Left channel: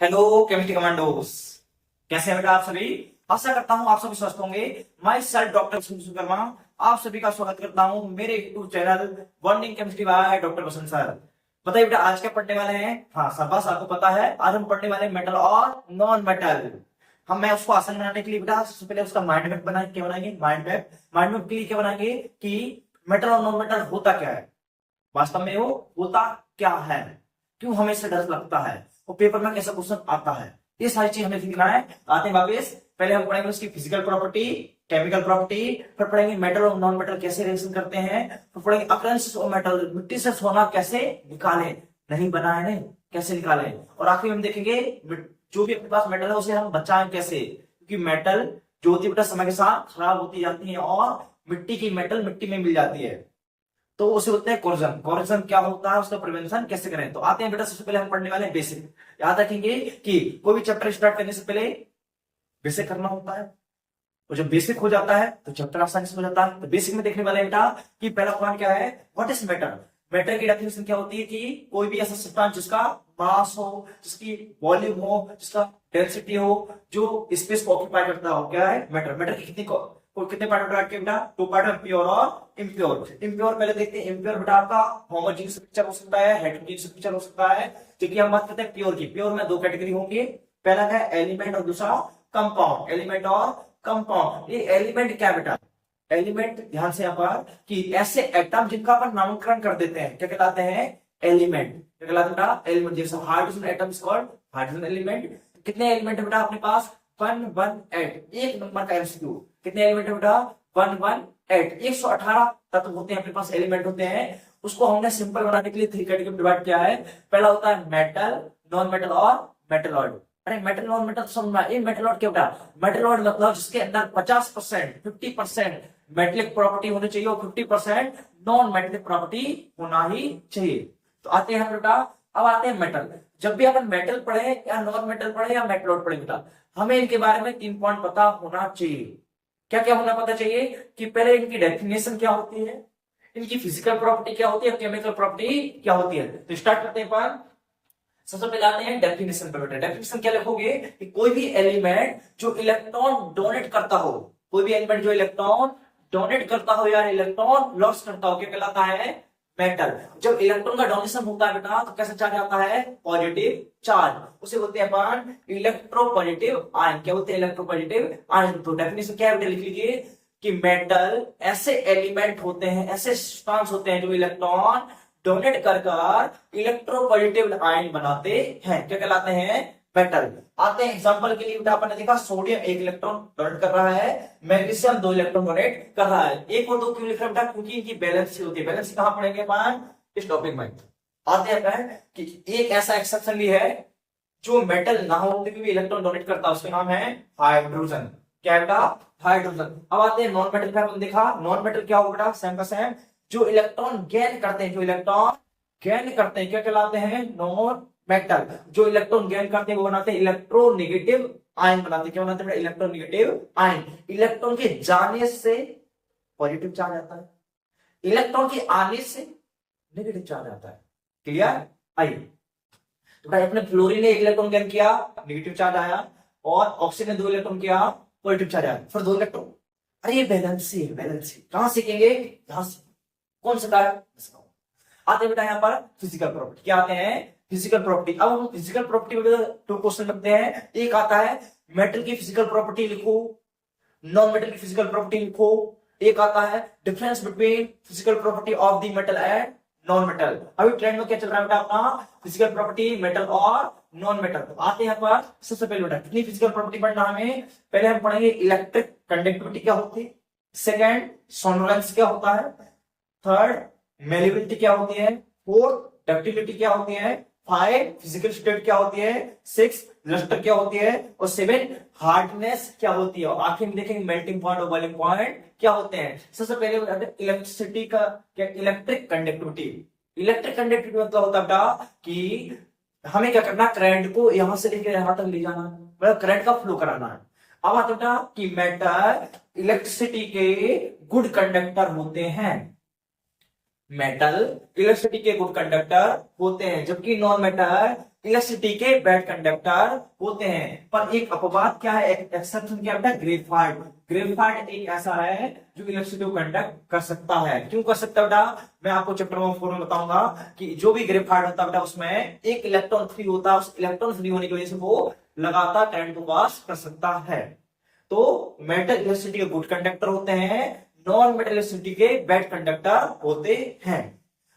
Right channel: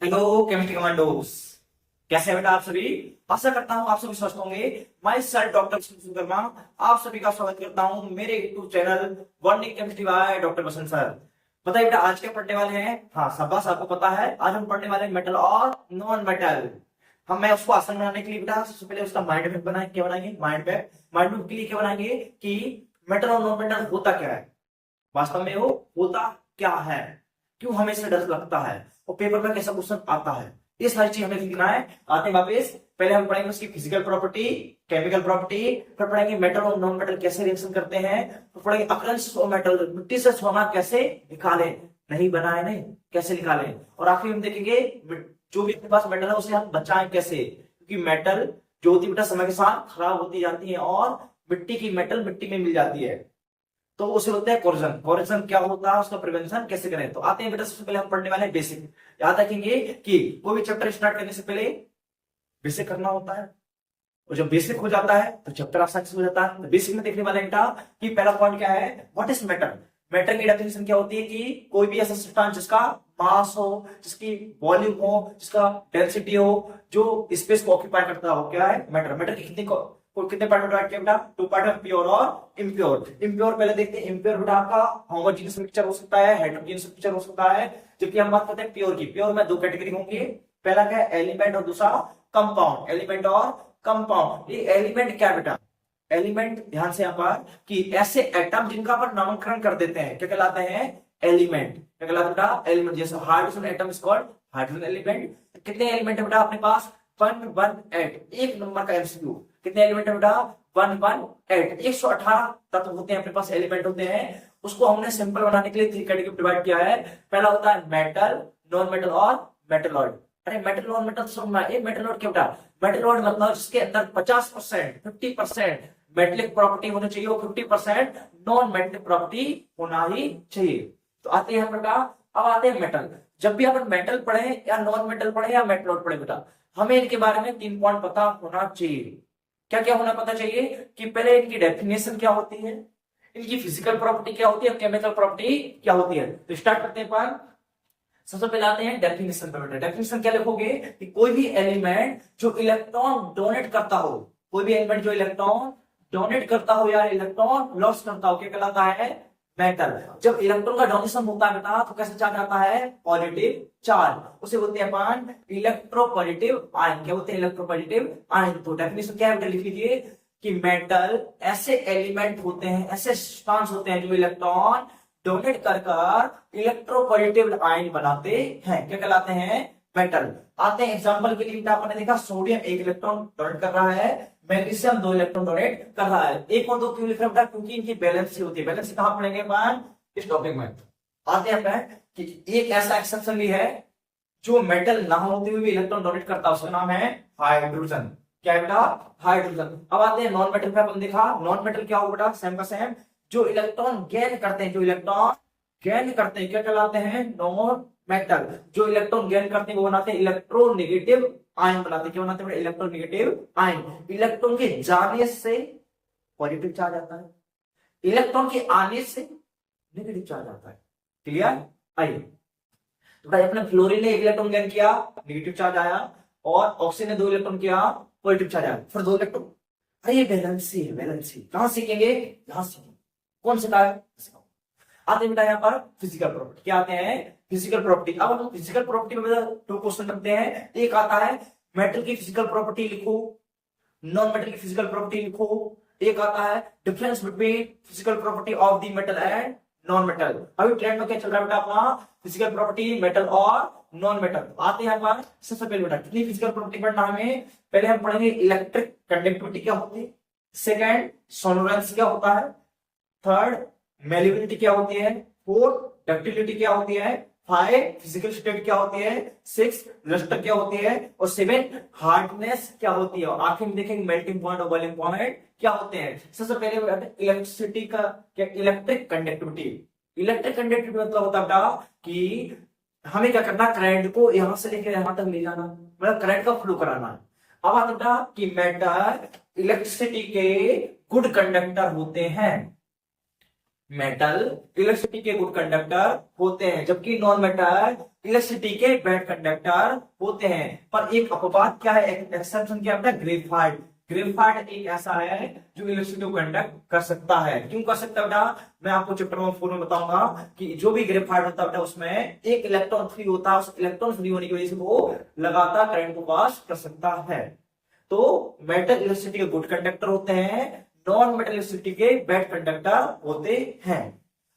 Hello chemistry commandos. कैसे हैं बेटा आप सभी। आशा करता हूं आप सभी स्वस्थ होंगे। मैं सर डॉक्टर विश्वकर्मा आप सभी का स्वागत करता हूं मेरे YouTube channel bonding chemistry by doctor Basant sir. बताइए बेटा आज क्या पढ़ने वाले हैं। हाँ शाबाश आपको पता है। आज हम पढ़ने वाले हैं मेटल और नॉन मेटल। मैं उसको आसान बनाने के लिए बेटा सबसे पहले उसका माइंड मैप बनाए क्या बनाएंगे माइंड मैप के लिए क्या बनाएंगे कि मेटल और नॉन मेटल होता क्या है, वास्तव में वो होता क्या है, क्यों हमें इससे डर लगता है और पेपर में कैसा क्वेश्चन आता है। ये सारी चीज हमें लिखना है। आते हैं वापस। पहले हम पढ़ेंगे उसकी फिजिकल प्रॉपर्टी, केमिकल प्रॉपर्टी, फिर पढ़ेंगे मेटल और नॉन मेटल कैसे रिएक्शन करते हैं, फिर पढ़ेंगे अकरेंस ऑफ मेटल, मिट्टी से सोना कैसे निकालें, नहीं बनाए नहीं कैसे निकालें, और आखिर हम देखेंगे जो भी अपने पास मेटल है उसे हम बचाएं कैसे, क्योंकि मेटल जो होती है बेटा समय के साथ खराब होती जाती है और मिट्टी की मेटल मिट्टी में मिल जाती है, तो उसे बोलते हैं कोर्जन। कोर्जन क्या होता है, उसका प्रिवेंशन कैसे करें। तो आते हैं बेटा सबसे पहले हम पढ़ने वाले हैं बेसिक। याद रखेंगे कि कोई भी चैप्टर स्टार्ट करने से पहले बेसिक करना होता है, और जब बेसिक हो जाता है तो चैप्टर आसानी से हो जाता है। तो बेसिक में देखने वाले बेटा कि पहला पॉइंट क्या है, व्हाट इज मैटर। मैटर की डेफिनेशन क्या होती है कि कोई भी ऐसा सब्सटेंस जिसका मास हो, जिसकी वॉल्यूम हो, जिसका डेंसिटी हो, जो स्पेस को ऑक्यूपाई करता हो, क्या है मैटर। मैटर की कितने पार्ट में डिवाइड किया बेटा, टू पार्ट में, प्योर और इम्प्योर। इम्प्योर पहले देखते हैं। इम्प्योर बेटा आपका होमोजेनियस मिक्सचर हो सकता है, हेटेरोजेनियस मिक्सचर हो सकता है, जबकि हम बात करते हैं प्योर की। प्योर में दो कैटेगरी होंगी, पहला क्या है एलिमेंट और दूसरा कंपाउंड। एलिमेंट और कंपाउंड। ये एलिमेंट क्या बेटा, एलिमेंट ध्यान से यहाँ पर कि ऐसे एटम जिनका अपन नामकरण कर देते हैं क्या कहलाते हैं एलिमेंट। क्या कहलाते हैं बेटा एलिमेंट। जैसे hydrogen atom is called hydrogen element. कितने एलिमेंट है बेटा अपने पास 118, एक नंबर का एमसीक्यू। कितने एलिमेंट है बेटा 118, 118 तत्व होते हैं अपने पास, एलिमेंट होते हैं। उसको हमने सिंपल बनाने के लिए थ्री कैटेगरी में डिवाइड किया है। पहला होता है मेटल, नॉन मेटल और मेटलॉइड। अरे मेटल नॉन मेटल समझना, ये मेटलॉइड क्या बेटा, मेटलॉइड मतलब जिसके अंदर 50% 50% मेटेलिक प्रॉपर्टी होनी चाहिए और 50% नॉन मेटेलिक प्रॉपर्टी होना ही चाहिए। तो आते हैं बेटा, अब आते हैं मेटल। जब भी अपन मेटल पढ़े या नॉन मेटल पढ़े या मेटलॉइड पढ़े बेटा, हमें इनके बारे में 3 पॉइंट पता होना चाहिए। क्या क्या होना पता चाहिए कि पहले इनकी डेफिनेशन क्या होती है, इनकी फिजिकल प्रॉपर्टी क्या होती है, केमिकल प्रॉपर्टी क्या होती है। तो स्टार्ट करते हैं अपन। सबसे पहले आते हैं डेफिनेशन पे बेटा। डेफिनेशन क्या लिखोगे कि कोई भी एलिमेंट जो इलेक्ट्रॉन डोनेट करता हो, कोई भी एलिमेंट जो इलेक्ट्रॉन डोनेट करता हो या इलेक्ट्रॉन लॉस करता हो, क्या कहलाता है मेटल। जब इलेक्ट्रॉन का डोनेशन होता है बेटा तो कैसा चार्ज आता है पॉजिटिव चार्ज, उसे बोलते हैं अपन इलेक्ट्रोपॉजिटिव आयन। क्या बोलते हैं इलेक्ट्रोपॉजिटिव आयन। तो डेफिनेशन क्या है बेटा लिख लीजिए कि मेटल ऐसे एलिमेंट होते हैं, ऐसे सब्सटेंस होते हैं जो इलेक्ट्रॉन डोनेट कर कर इलेक्ट्रोपॉजिटिव आयन बनाते हैं, क्या कहलाते हैं मेटल। आते हैं एग्जांपल के लिए बेटा, आपने देखा सोडियम एक इलेक्ट्रॉन डोनेट कर रहा है, मैग्नीशियम 2 इलेक्ट्रॉन डोनेट कर रहा है। एक और दो क्यों लिख रहा है बेटा, क्योंकि इनकी बैलेंस होती है। बैलेंस कहां पढ़ेंगे अपन इस टॉपिक में। आते हैं अपन कि एक ऐसा एक्सेप्शन भी है जो मेटल ना होते हुए भी इलेक्ट्रॉन डोनेट करता है, उसका नाम है हाइड्रोजन। क्या है बेटा हाइड्रोजन। अब आते हैं नॉन मेटल पे। अपन देखा नॉन मेटल क्या होगा बेटा, सेम का सेम, जो इलेक्ट्रॉन गेन करते हैं, जो इलेक्ट्रॉन गेन करते हैं क्या कहलाते हैं नॉन मेटल। जो इलेक्ट्रॉन गेन करते हैं वो बनाते हैं इलेक्ट्रोनेगेटिव आयन बनाते हैं। क्या बनाते हैं इलेक्ट्रोनेगेटिव आयन। इलेक्ट्रॉन के जाने से पॉजिटिव चार्ज आता है, इलेक्ट्रॉन के आने से नेगेटिव चार्ज आता है। क्लियर। आइए तो भाई अपने फ्लोरीन ने 1 इलेक्ट्रॉन गेन किया, नेगेटिव चार्ज आया, और ऑक्सीजन ने 2 इलेक्ट्रॉन किया, पॉजिटिव चार्ज आया। फिर 2 इलेक्ट्रॉन, अरे ये बैलेंस है, बैलेंस है। कहां सीखेंगे, यहां सीखेंगे। कौन सा है, आते बेटा यहाँ पर फिजिकल प्रॉपर्टी। क्या आते हैं फिजिकल प्रॉपर्टी। अब हम फिजिकल प्रॉपर्टी में 2 क्वेश्चन करते हैं। एक आता है मेटल की फिजिकल प्रॉपर्टी लिखो, नॉन मेटल की फिजिकल प्रॉपर्टी लिखो। एक आता है difference between physical property of the metal and non metal. अभी ट्रेंड में क्या चल रहा है बेटा अपना फिजिकल प्रॉपर्टी मेटल और नॉन मेटल। आते हैं पर सबसे पहले बेटा कितनी फिजिकल प्रॉपर्टी पढ़ना हमें, पहले हम पढ़ेंगे इलेक्ट्रिक कंडक्टिविटी क्या होती है, सेकेंड सोलरेंस क्या होता है, थर्ड मेलिबिलिटी क्या होती है, फोर्थ डक्टिलिटी क्या होती है, 5 फिजिकल स्टेट क्या होती है, 6 लस्टर क्या होती है, और 7 हार्डनेस क्या होती है, और आखिर में देखेंगे मेल्टिंग पॉइंट और बॉइलिंग पॉइंट क्या होते हैं। सबसे पहले इलेक्ट्रिसिटी का क्या, इलेक्ट्रिक कंडक्टिविटी। इलेक्ट्रिक कंडक्टिविटी मतलब होता है बेटा कि हमें क्या करना, करंट को यहां से लेकर यहां तक ले जाना, मतलब करंट का फ्लो कराना है। अब आता बेटा कि मेटल इलेक्ट्रिसिटी के गुड कंडक्टर होते हैं। मेटल इलेक्ट्रिसिटी के गुड कंडक्टर होते हैं, जबकि नॉन मेटल इलेक्ट्रिसिटी के बैड कंडक्टर होते हैं। पर एक अपवाद क्या है, एक्सेप्शन क्या है, ग्रेफाइट। ग्रेफाइट एक ऐसा है जो इलेक्ट्रिसिटी को कंडक्ट कर सकता है। क्यों कर सकता है बेटा, मैं आपको चैप्टर नंबर 4 में बताऊंगा कि जो भी ग्रेफाइट होता है बेटा उसमें एक इलेक्ट्रॉन फ्री होता है, उस इलेक्ट्रॉन फ्री होने की वजह से वो लगातार करंट को पास कर सकता है। तो मेटल इलेक्ट्रिसिटी के गुड कंडक्टर होते हैं, नॉन मेटल इलेक्ट्रिसिटी के बैड कंडक्टर होते हैं।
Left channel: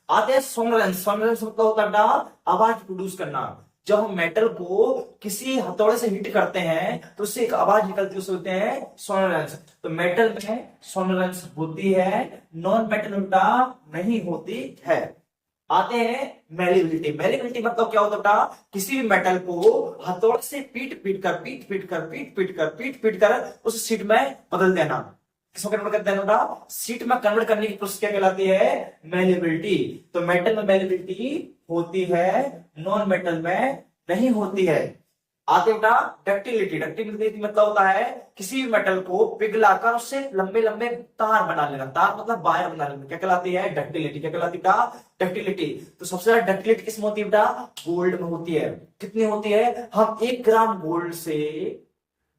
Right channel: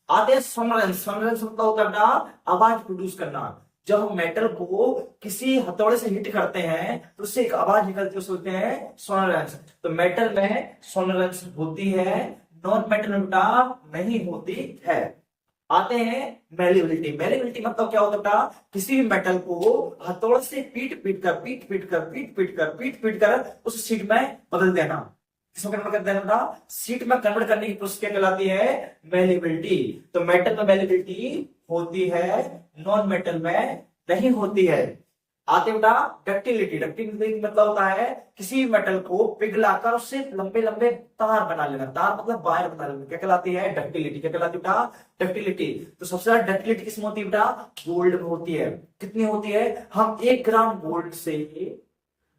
आते हैं सोनरेंस। सोनरेंस मतलब होता है बेटा आवाज प्रोड्यूस करना। जब हम मेटल को किसी हथौड़े से हिट करते हैं तो उससे एक आवाज निकलती है, उसे बोलते हैं सोनरेंस। तो मेटल में सोनरेंस होती है, नॉन मेटल में बेटा नहीं होती है। आते हैं मेलिबिलिटी। मेलिबिलिटी मतलब क्या होता है बेटा, किसी भी मेटल को हथौड़े से पीट कर उस सीट में बदल देना। किसमें कन्वर्ट कर देना बेटा, सीट में कन्वर्ट करने की प्रोसेस क्या कहलाती है, मेलिबिलिटी। तो मेटल में मेलिबिलिटी होती है, नॉन मेटल में नहीं होती है। आते बेटा डक्टिलिटी। डक्टिलिटी मतलब होता है किसी मेटल को पिघलाकर उससे लंबे लंबे तार बना लेना। तार मतलब वायर बना लेना, क्या कहलाती है, डक्टिलिटी। क्या कहलाती है बेटा, डक्टिलिटी। तो सबसे ज्यादा डक्टिलिटी किसमें होती है बेटा, गोल्ड में होती है। कितनी होती है, हम 1 ग्राम गोल्ड से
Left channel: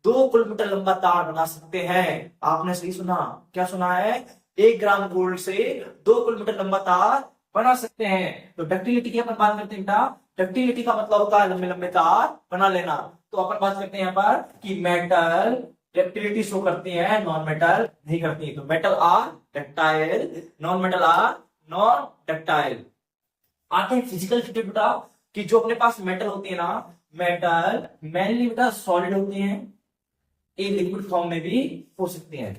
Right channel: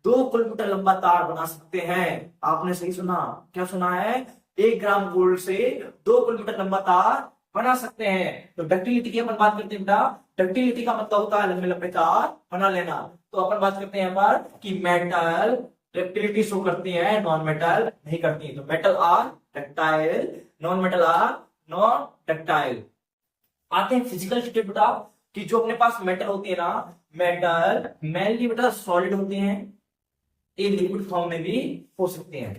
2 किलोमीटर लंबा तार बना सकते हैं। आपने सही सुना, क्या सुना है, 1 ग्राम गोल्ड से 2 किलोमीटर लंबा तार बना सकते हैं। तो डक्टिलिटी की अपन बात करते हैं बेटा, डक्टिलिटी का मतलब होता है लंबे लंबे तार बना लेना। तो अपन बात करते हैं यहाँ पर कि मेटल डक्टिलिटी शो करती है, नॉन मेटल नहीं करती। तो metal are ductile, non metal are non ductile. आते हैं फिजिकल स्टेट बेटा, कि जो अपने पास मेटल होती है ना, मेटल मेनली बेटा सॉलिड होती है, ये लिक्विड फॉर्म में भी हो सकती हैं,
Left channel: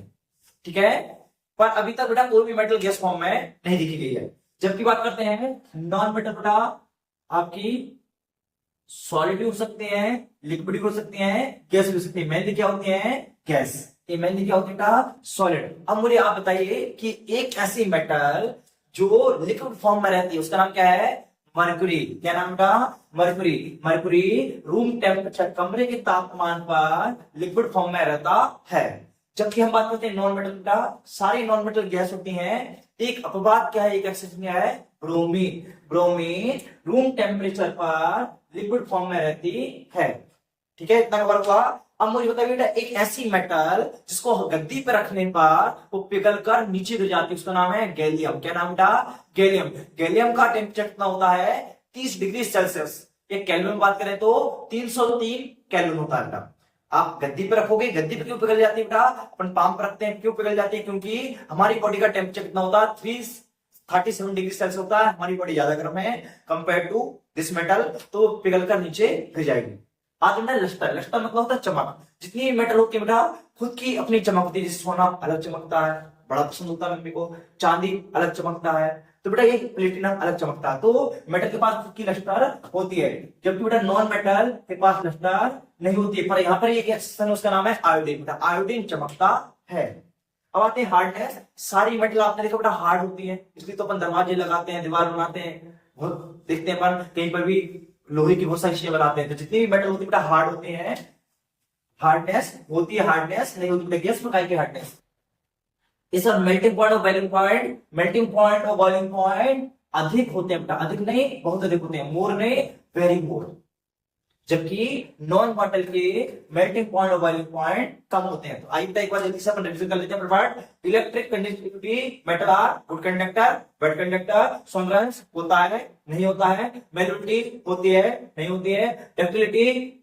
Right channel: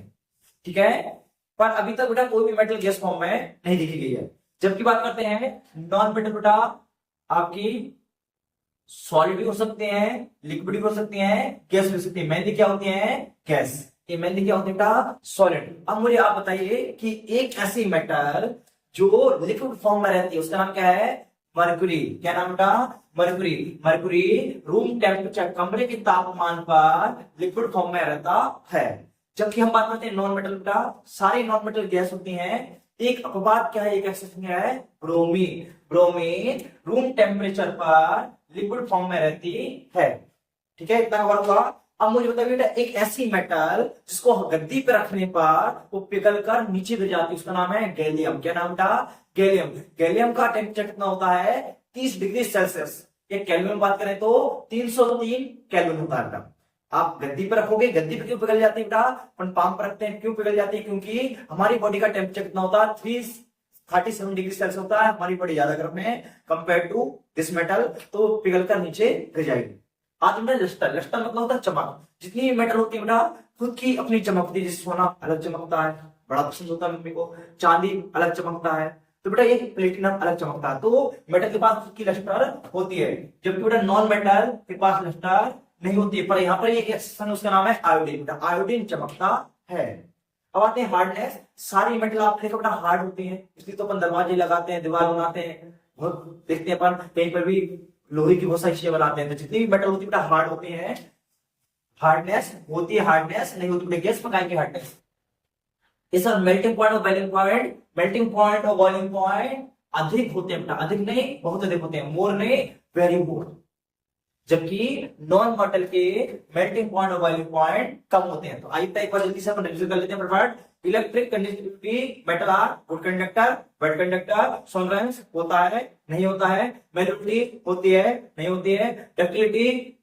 ठीक है। पर अभी तक बेटा कोई भी मेटल गैस फॉर्म में नहीं दिखी गई है। जबकि बात करते हैं नॉन मेटल बेटा, आपकी सॉलिड भी हो सकते हैं, लिक्विड भी हो सकती हैं, गैस भी हो सकती है। मेनली क्या होती है, गैस। ये मेनली क्या होती है बेटा, सॉलिड। अब मुझे आप बताइए कि एक ऐसी मेटल जो लिक्विड फॉर्म में रहती है उसका नाम क्या है, मरकुरी। क्या नाम बेटा, मरकुरी। मरकुरी रूम टेम्परेचर, कमरे के तापमान पर लिक्विड फॉर्म में रहता है। जबकि हम बात करते हैं नॉन मेटल बेटा, सारी नॉन मेटल गैस होती हैं। एक अपवाद क्या है, एक एक्सेप्शन क्या है, ब्रोमीन। ब्रोमीन रूम टेम्परेचर पर लिक्विड फॉर्म में रहती है, ठीक है। इतना कवर हुआ। अब मुझे बताइए बेटा, एक ऐसी मेटल जिसको गद्दी पे रखने पर वो पिघल कर नीचे गिर जाती है, उसका नाम है गैलियम। क्या नाम बेटा, गैलियम। गैलियम का टेम्परेचर कितना होता है, 30 डिग्री सेल्सियस। ये केल्विन में बात करें तो 303 केल्विन होता है बेटा। आप गद्दी पे रखोगे, गद्दी पे क्यों पिघल जाती है बेटा, अपन पाम पर रखते हैं क्यों पिघल जाती है, क्योंकि हमारी बॉडी का टेम्परेचर कितना होता है, 337 डिग्री सेल्सियस होता है। हमारी बॉडी ज्यादा गर्म है कंपेयर टू दिस मेटल, तो पिघल कर नीचे गिर जाएगी। आते हैं लस्टर। लस्टर मतलब होता है चमक। जितनी मेटल होती है बेटा खुद की अपनी चमक होती है, जैसे सोना अलग चमकता है, बड़ा पसंद होता है मम्मी को, चांदी अलग चमकता है, तो बेटा ये प्लेटिनम अलग चमकता है। तो मेटल के पास खुद की लस्टर होती है, जबकि बेटा नॉन मेटल के पास लस्टर नहीं होती है। पर यहाँ पर एक एक्सेप्शन, उसका नाम है आयोडीन। आयोडीन चमकता है। अब आते हैं हार्डनेस। सारी मेटल आपने देखा बेटा हार्ड होती है, इसलिए तो अपन दरवाजे लगाते हैं, दीवार बनाते हैं, बहुत देखते हैं अपन कहीं पर भी लोहे की बहुत सारी चीजें बनाते हैं। तो जितनी भी मेटल होती है बेटा हार्ड होती है, हार्डनेस होती है, हार्डनेस नहीं होती बेटा गैस पकाई की हार्डनेस। इस मेल्टिंग पॉइंट और बॉइलिंग पॉइंट, मेल्टिंग पॉइंट और बॉइलिंग पॉइंट अधिक होते हैं बेटा, अधिक नहीं बहुत अधिक होते हैं, मोर नहीं वेरी मोर। जबकि नॉन मेटल के मेल्टिंग पॉइंट और बॉइलिंग पॉइंट कम होते हैं। तो आइए एक बार जल्दी से अपन रिविजन कर लेते हैं फटाफट। Electric conductivity, metal are good conductor, bad conductor, सोलरेंस होता है नहीं होता है, मेलिबिलिटी होती है नहीं होती है, ductility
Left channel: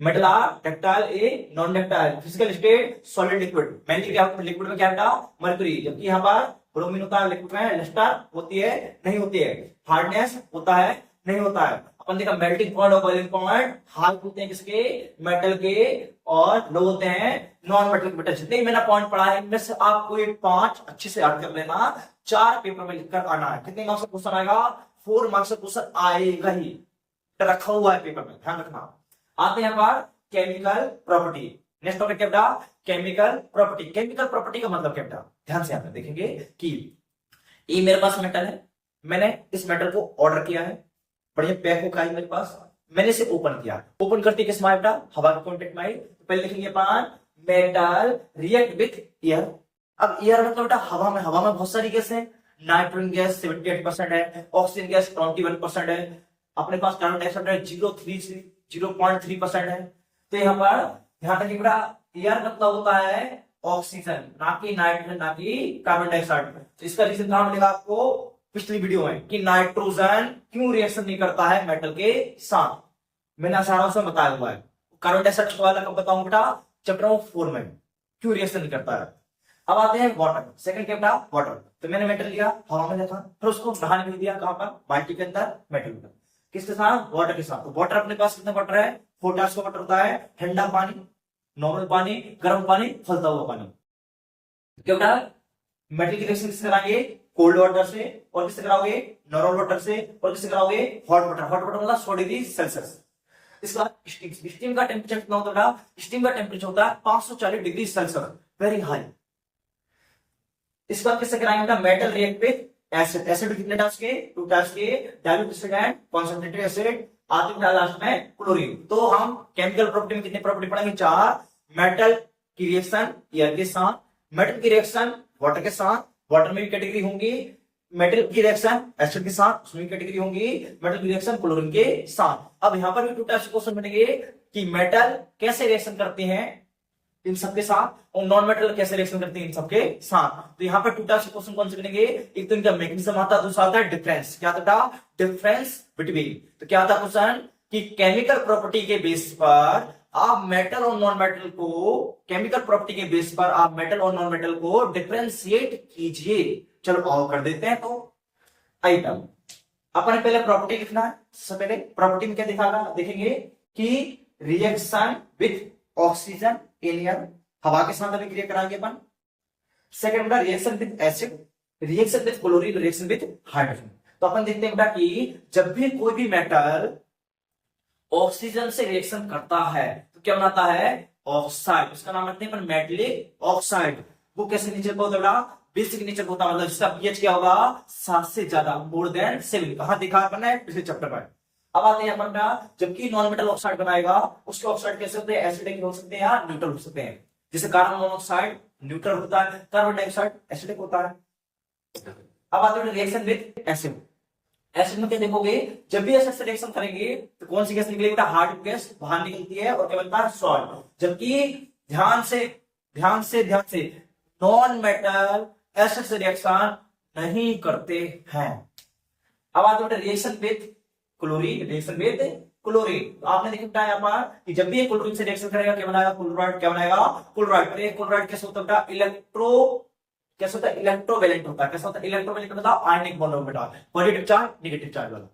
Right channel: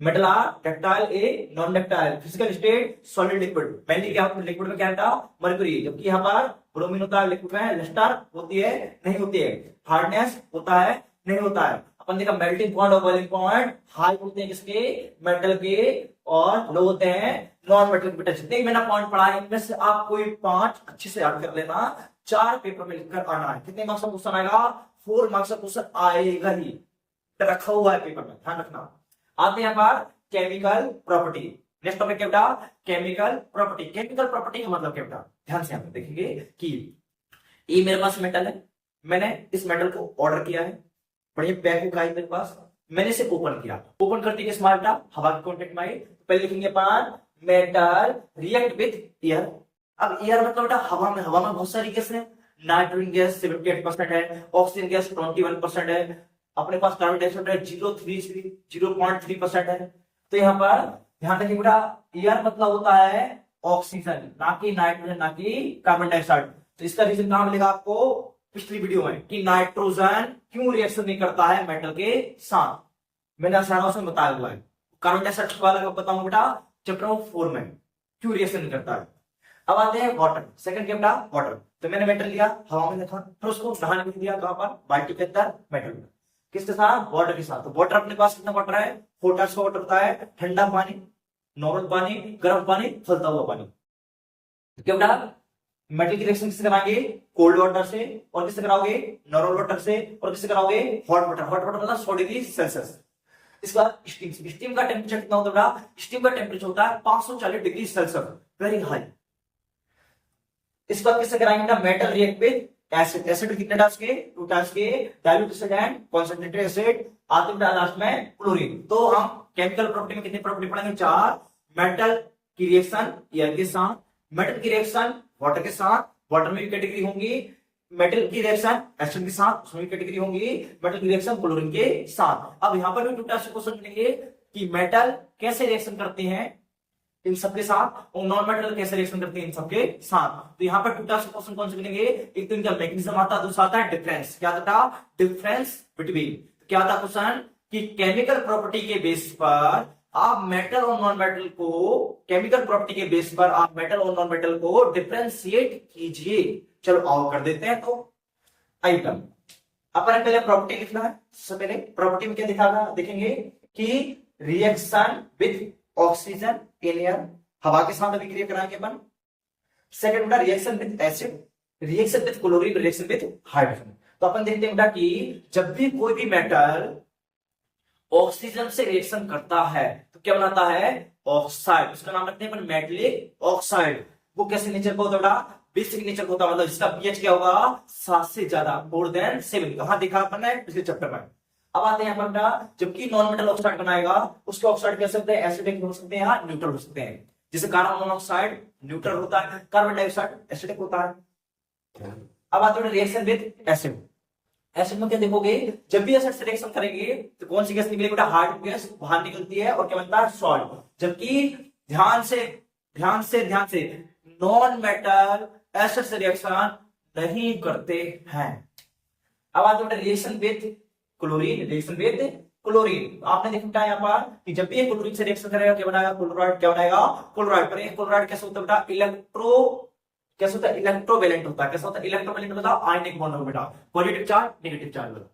metal are ductile a non ductile, physical state solid liquid. Mainly क्या लिक्विड में क्या था, मरकरी। जबकि यहाँ पर ब्रोमीन होता है, लिक्विड में लस्टर होती है नहीं होती है, हार्डनेस होता है नहीं होता है। अपन देखा मेल्टिंग पॉइंट और बॉइलिंग पॉइंट हाई होते हैं किसके, मेटल के, और लो होते हैं नॉन मेटल के। जितने मैंने पॉइंट पढ़ा है इनमें से आप कोई 5 अच्छे से याद कर लेना, 4 पेपर में लिखकर आना है। कितने मार्क्स का क्वेश्चन आएगा, 4 मार्क्स का क्वेश्चन आएगा ही, रखा हुआ है पेपर में, ध्यान रखना। आते हैं यहाँ पर केमिकल प्रॉपर्टी। नेक्स्ट टॉपिक क्या बेटा, केमिकल प्रॉपर्टी। केमिकल प्रॉपर्टी का मतलब क्या बेटा, ध्यान से आप देखेंगे कि ये मेरे पास मेटल है, मैंने इस मेटल को ऑर्डर किया है, बढ़िया पैक होकर आई मेरे पास, मैंने इसे ओपन किया। ओपन करती किस में बेटा, हवा के कॉन्टेक्ट में आई। तो पहले लिखेंगे अपन मेटल रिएक्ट विथ एयर। अब एयर मतलब बेटा हवा में बहुत सारी गैस है, नाइट्रोजन गैस 78% है, ऑक्सीजन गैस 21% है, अपने पास कार्बन डाइऑक्साइड है 0.3% है। तो यहाँ पर ध्यान रखिए बेटा, एयर मतलब होता है ऑक्सीजन, ना कि नाइट्रोजन, ना कि कार्बन डाइऑक्साइड। तो इसका रीजन कहां मिलेगा आपको, पिछली वीडियो में, कि नाइट्रोजन क्यों रिएक्शन नहीं करता है मेटल के साथ, मैंने आसानों से बताया हुआ है। कार्बन डाइऑक्साइड सवाल अगर बताऊं बेटा चैप्टर 4 में, क्यों रिएक्शन नहीं करता है। अब आते हैं वाटर, सेकंड क्या बेटा, वाटर। तो मैंने मेटल लिया, हवा में रखा, फिर उसको नहाने में दिया, कहां पर, बाल्टी के अंदर, मेटल में। किसके साथ, वाटर के साथ। तो वाटर अपने पास कितना वाटर है, 4 टाइप्स का वाटर होता है, ठंडा पानी, नॉर्मल पानी, गर्म पानी, खौलता हुआ पानी। क्या बेटा, मेटल की रिएक्शन किससे कराएंगे, कोल्ड वाटर से, और किससे कराओगे, नॉर्मल वाटर से, और किससे कराओगे, हॉट वाटर। हॉट वाटर मतलब 100 डिग्री सेल्सियस। इसका स्टीम, स्टीम का टेम्परेचर कितना होता है, स्टीम का टेम्परेचर होता है 540 डिग्री सेल्सियस, वेरी हाई। इस बात किससे कराएंगे, metal react with acid. Acid कितने टाइप्स के, 2 टाइप्स के, dilute acid and concentrated acid. आते हैं लास्ट में क्लोरीन। तो हम केमिकल प्रॉपर्टी में कितनी प्रॉपर्टी पढ़ेंगे, 4। मेटल की रिएक्शन एयर के साथ, मेटल की रिएक्शन वाटर के साथ, वाटर में भी कैटेगरी होंगी, मेटल की रिएक्शन एसिड के साथ, उसमें भी कैटेगरी होंगी, मेटल की रिएक्शन क्लोरीन के साथ। अब यहां पर भी 2 टाइप्स के क्वेश्चन बनेंगे कि मेटल कैसे रिएक्शन करते हैं इन सबके साथ, और नॉन मेटल कैसे रिएक्शन करती है इन सबके साथ। तो यहाँ पर 2 टाइप्स के क्वेश्चन कौन से बनेंगे, एक तो इनका मैकेनिज्म आता है, दूसरा आता है डिफरेंस। क्या आता है, डिफरेंस बिटवीन। तो क्या आता है क्वेश्चन कि केमिकल प्रॉपर्टी के बेस पर आप मेटल और नॉन मेटल को, केमिकल प्रॉपर्टी के बेस पर आप मेटल और नॉन मेटल को डिफरेंशिएट कीजिए। चलो आओ कर देते हैं। तो आइटम अपने पहले प्रॉपर्टी लिखना है। सबसे पहले प्रॉपर्टी में क्या दिखागा, देखेंगे कि reaction with oxygen in air, हवा के साथ अभी क्रिया कराएंगे अपन। सेकंड बेटा reaction with acid, reaction with chlorine, reaction with hydrogen. तो अपन देखते हैं बेटा कि जब भी कोई भी मेटल ऑक्सीजन से रिएक्शन करता है तो क्या बनाता है, ऑक्साइड। उसका नाम रखते हैं अपन मेटलिक ऑक्साइड। वो कैसे नेचर का होता है बेटा, बेसिक नेचर का होता है, मतलब इसका पीएच क्या होगा, 7 से ज्यादा, मोर देन 7। कहां देखा अपन ने, पिछले चैप्टर में। अब आते हैं अपन का, जबकि नॉन मेटल ऑक्साइड बनाएगा उसके ऑक्साइड कह सकते हैं एसिडिक हो सकते हैं या न्यूट्रल हो सकते हैं। जैसे कार्बन मोनोऑक्साइड न्यूट्रल होता है, कार्बन डाइऑक्साइड एसिडिक होता है। अब आते हैं रिएक्शन विद एसिड। एसिड में क्या देखोगे, जब भी एसिड से रिएक्शन करेंगे तो कौन सी गैस निकलेगी बेटा, हाइड्रोजन गैस बाहर निकलती है, और क्या बनता है, सॉल्ट। जबकि ध्यान से नॉन मेटल एसिड से रिएक्शन नहीं करते हैं। अब आते हैं reaction with chlorine, reaction with chlorine. आपने देखा यहाँ पर कि जब भी ये क्लोरीन से रिएक्शन करेगा क्या बनाएगा, क्लोराइड। क्या बनाएगा, क्लोराइड। पर एक क्लोराइड कैसे होता है बेटा, कैसे होता है, इलेक्ट्रोवेलेंट होता है। कैसे होता है, इलेक्ट्रोवेलेंट मतलब आयनिक बॉन्ड होगा बेटा, पॉजिटिव चार्ज नेगेटिव चार्ज वाला।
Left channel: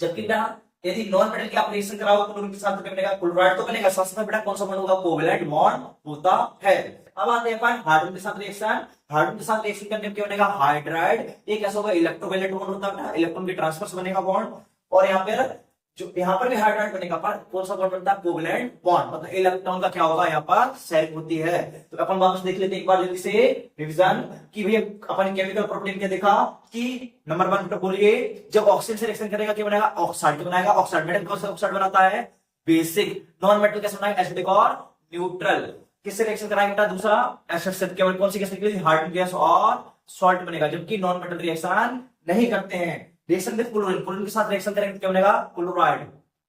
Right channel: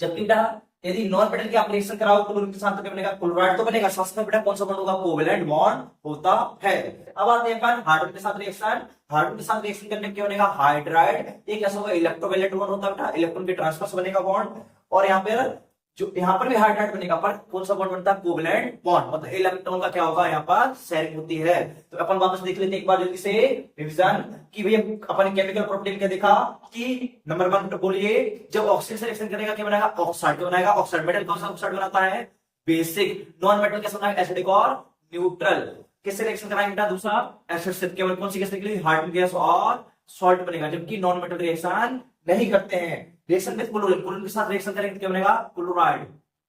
जबकि बेटा यदि नॉन मेटल की आप रिएक्शन कराओ क्लोरीन के साथ तो क्या बनेगा, क्लोराइड तो बनेगा, साथ में बेटा कौन सा बॉन्ड होगा, कोवेलेंट बॉन्ड होता है। अब आते हैं अपन हाइड्रोजन के साथ रिएक्शन। हाइड्रोजन के साथ रिएक्शन करने में क्या बनेगा, हाइड्राइड। ये कैसे होगा, इलेक्ट्रोवेलेंट बॉन्ड होता है बेटा, इलेक्ट्रॉन के ट्रांसफर से बनेगा बॉन्ड। और यहाँ पर जो यहाँ पर भी हाइड्राइड बनेगा, पर कौन सा बॉन्ड बनता है, कोवेलेंट बॉन्ड, मतलब इलेक्ट्रॉन का क्या होगा, यहाँ पर शेयरिंग होती है। तो अपन वापस देख लेते हैं एक बार जल्दी से रिवीजन कि भैया अपन केमिकल प्रॉपर्टी में क्या देखा कि नंबर 1 बोलिए, जब ऑक्सीजन से रिएक्शन करेगा क्या बनाएगा, ऑक्साइड। क्या बनाएगा, ऑक्साइड। मेटल कौन सा ऑक्साइड बनाता है, बेसिक। नॉन मेटल कैसे बनाएगा, एसिडिक और न्यूट्रल। किससे रिएक्शन कराएंगे बेटा, दूसरा एसिड से। केवल कौन सी गैस निकलेगी, हाइड्रोजन गैस और सॉल्ट बनेगा। जबकि नॉन मेटल रिएक्शन नहीं करते हैं। रिएक्शन विद क्लोरीन, क्लोरीन के साथ रिएक्शन करेंगे क्या बनेगा, क्लोराइड।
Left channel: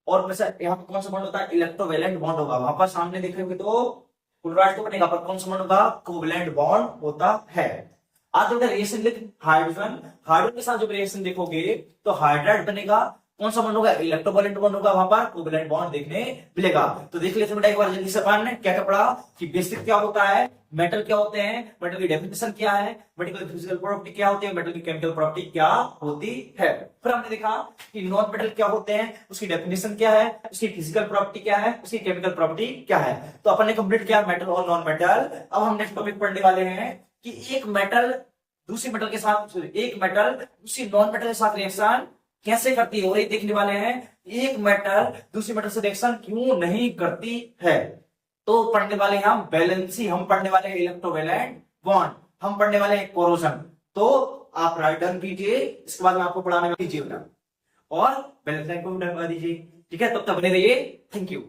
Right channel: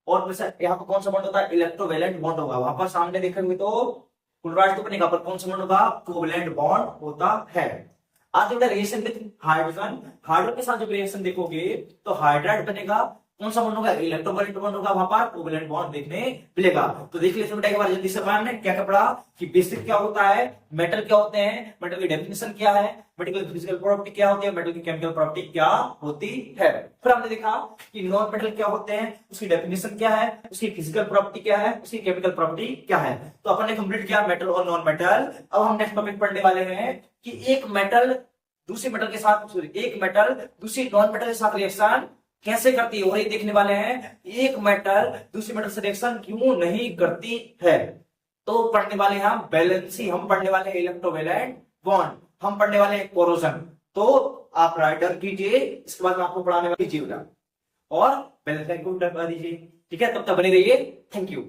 और यहाँ पर कौन सा बॉन्ड होता है, इलेक्ट्रोवेलेंट बॉन्ड होगा। वहां पर सामने देखेंगे तो क्लोराइड तो बनेगा, पर कौन सा बॉन्ड होगा, कोवेलेंट बॉन्ड होता है। आते हैं रिएक्शन विद हाइड्रोजन। हाइड्रोजन के साथ जब रिएक्शन देखोगे तो हाइड्राइड बनेगा, कौन सा बॉन्ड होगा, इलेक्ट्रोवेलेंट बॉन्ड होगा, वहां पर कोवेलेंट बॉन्ड देखने मिलेगा। तो देख लेते हैं बेटा एक बार जल्दी से अपन ने क्या क्या पढ़ा कि बेसिक क्या होता है, मेटल क्या होते हैं, मेटल की डेफिनेशन क्या है, मेटल की फिजिकल प्रॉपर्टी क्या होती है, मेटल की केमिकल प्रॉपर्टी क्या होती है। फिर हमने देखा कि नॉन मेटल क्या होते हैं, उसकी डेफिनेशन क्या है, उसकी फिजिकल प्रॉपर्टी क्या है, उसकी केमिकल प्रॉपर्टी क्या है। तो अपन ने कंप्लीट किया मेटल और नॉन मेटल। अब हम नेक्स्ट टॉपिक पढ़ने वाले हैं कि एक मेटल दूसरी मेटल के साथ, एक मेटल दूसरी नॉन मेटल के साथ रिएक्शन कैसे करती है, और ये देखने वाले हैं एक मेटल दूसरी मेटल से रिएक्शन क्यों नहीं करती है। तो पढ़ने वाले हैं हम बैलेंसी, हम पढ़ने वाले हैं इलेक्ट्रोवेलेंट बॉन्ड, हम पढ़ने वाले हैं कोरोजन। तो आप राइट डाउन कीजिए, इसके बाद मैं आपको पढ़ाने कीजिएगा और बैलेंस को डन कर दीजिए। ठीक है, तब तक बने रहिए। Thank you.